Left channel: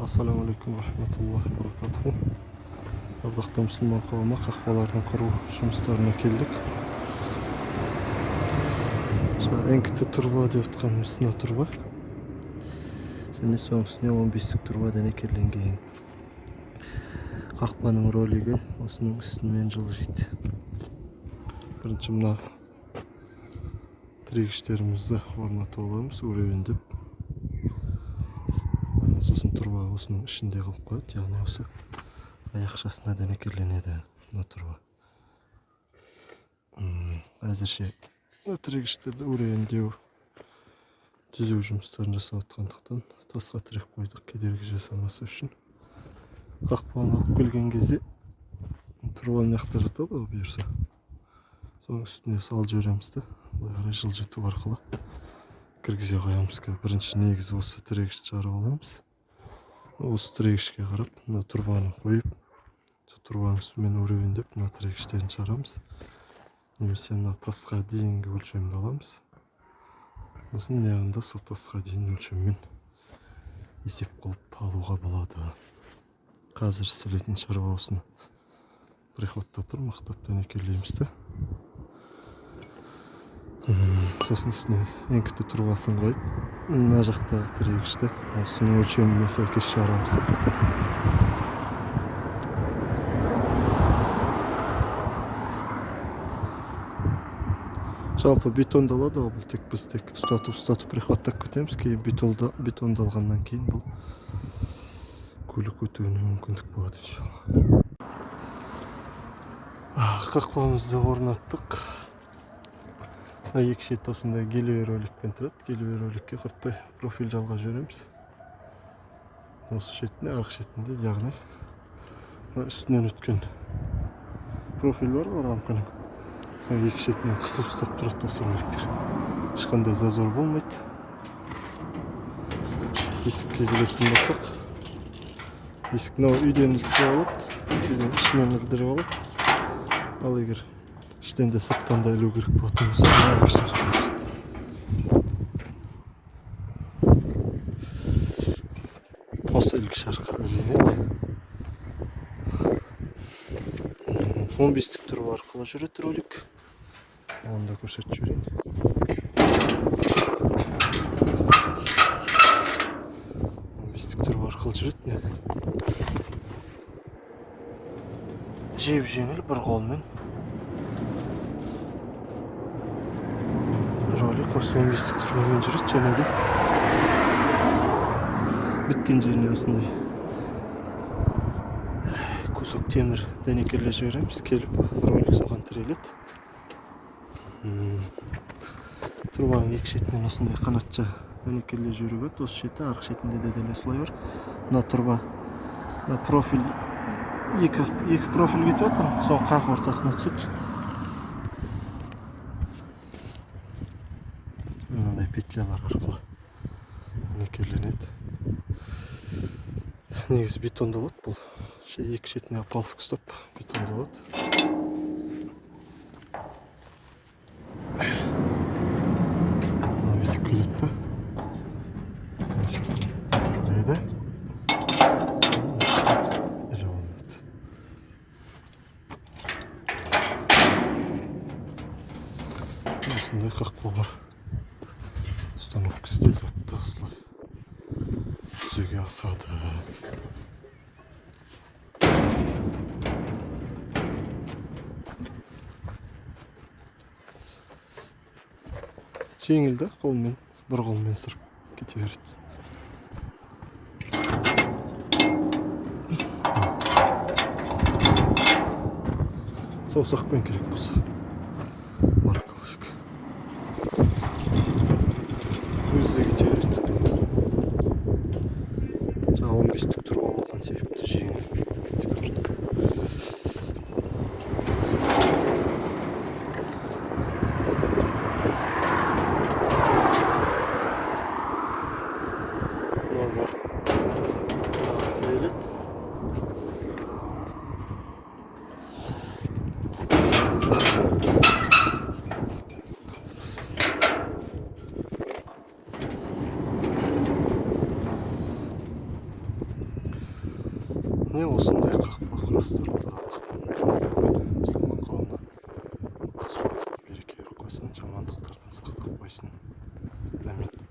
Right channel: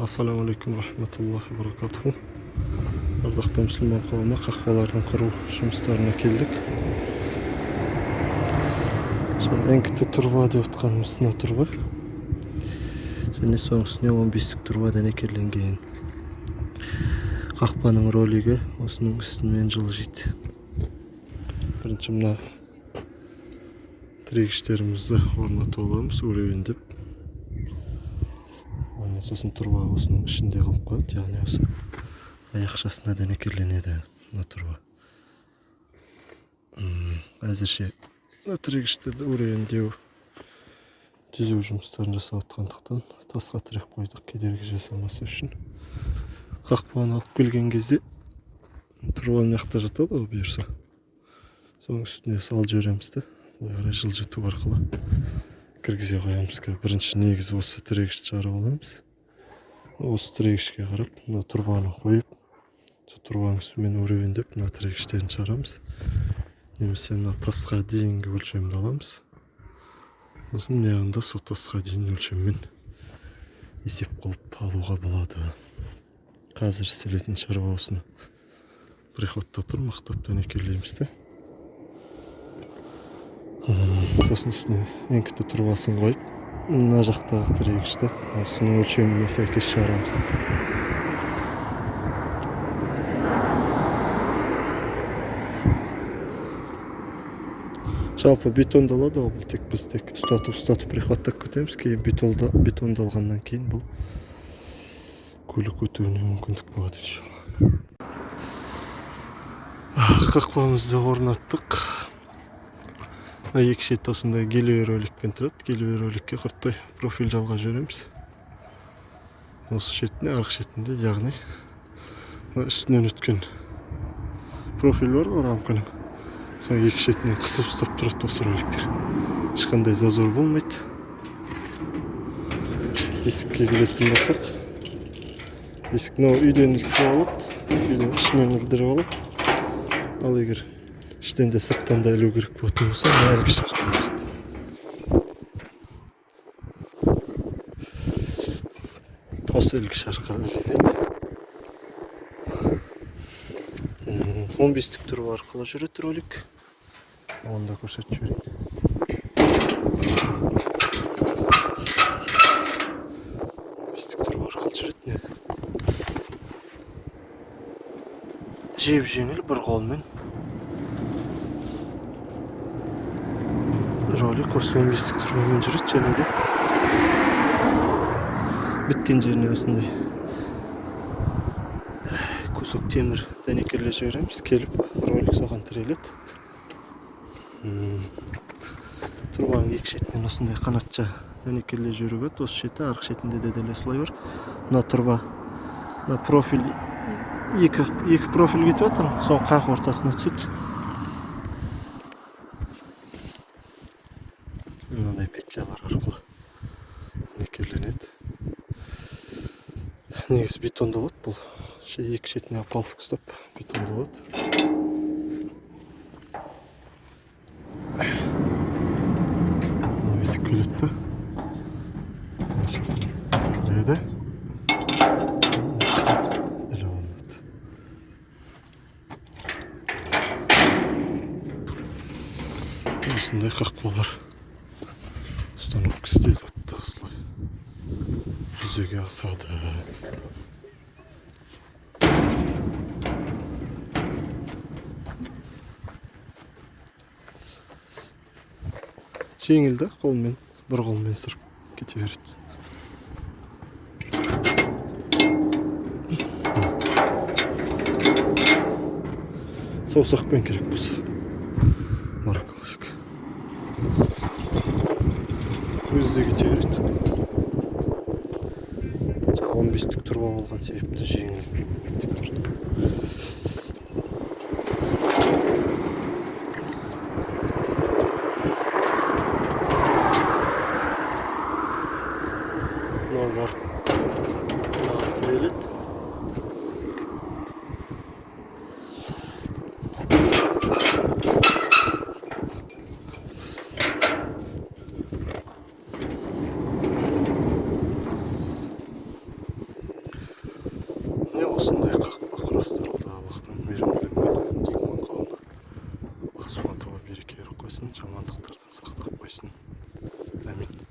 Assalamu alaikum rahmatullahi barakatuhu. Ардактуу мусулман коому, какбалардын куруу жумуштарына келдик. Эңкити турба деп атканыбыз мына турба. Және соның үстіне 15 турбадан экерленген. Какпанын ролиги осунун үстүнөн жылжыйт. Биринчи мына тирегичтерибизди орнотуп алабыз, уребиндеп. Сосын турба осунун ичинде калып коет, яғни осы аяқшасына дәнекерленеді мына турба. Әзірше тірегіштерді уребиндеу түзүү жұмыстарын жасап аткандыктан тасқа тіреп койдук, кедерги жасамасы үчүн. Какпаны алып келген кезде турбанын жакта жатат го буюрса. Сонун үстүнө салып жиберемиз да, былай карай жылжытуу аркылуу киргизе коебуз. Биринчи негизи осы тирегичти чыгарып алабыз. Осы тирегичке карап мына турбаны коюп, турбанын үстүнөн уребиндеп мына тирегичтерин чыгарабыз. Немесе мына таска дейинги өлчөмдү алабыз. Осунун ягында сол таска дейин өлчөмүн эсеп кылып алууга болот. Азыр истелетін чарбабызды приходтотур мактап дәнекерлейбиз да. Сосын үстүнө эңкити турбасын коюп, мына жактагы тирегичти осунун өлчөмүнө сайкес чыгарабыз. Жалпы бетондалады, бул тек биз тек устатып приходтоп кетебиз. Кийин бетондалгандан кийин бул көлүк өтүүнү мүмкүндүк болот иншалла. Какпамызды орноттук. Эки шет осундай келбе роликпен турат. Келбе роликке кырттай профиль жалгап жиберемиз. Осы шетине, аркы шетинде, яғни үстүнөн өткөн профиль бар го рамканын. Соң эки шетинен кысып устап турат осы роликтер. Эч кандай зазор болмойт. Дискке келетін болсақ, диск үйден ілтіп алат, үйден ішінен үрдіріп алат. Ал егер іштен де сырттан да ілу керек болатын болса, әлгі шарқа береді. Осы әлгі шарқа ілінеді. 15 турба арқылы жүреді ролик. Оны да көрсетіп жіберейін. 15 турба арқылы жүреді. Жеп-жеңіл бір қолмен ролик осы 15 турбамен жүреді. Және де біткен жеріне осындай кусок темір дәнекерлеп жібереміз. Келіп ролик соған тіреледі. Турбаның екі шетінен осындай қанатша дәнекерлеп жіберуге, осы шеті, арғы шетінде де дәл осылай бар. Мына турба, мына профиль, екі профиль кетіп отыр, соң қақ ортасына түседі. Мынандай петлялар арқылы дәнекерленеді. Негізі бетондалады бұл. Екі шетіне апалып ұстап бетондалады. Бүйтіп келеді да. Кіреді. Іліп алынады. Осындай қақпалар установкасы деледі осылай жүзеге асады. Жеңіл да, қолмен, бір қолмен сырып кете береді. Саусақпен керек болса маркалык. Өзі де кете береді. 15 турба болған себепті жеңіл кетіп береді. Var. Tіреледі. міне осындай қақпа құрастырылды. Аллахтан мейірім тілеймін мұсылман қауымына. Аллах субхана тағала береке беріп қойсын, жамандықтардан сақтап қойсын. Амин.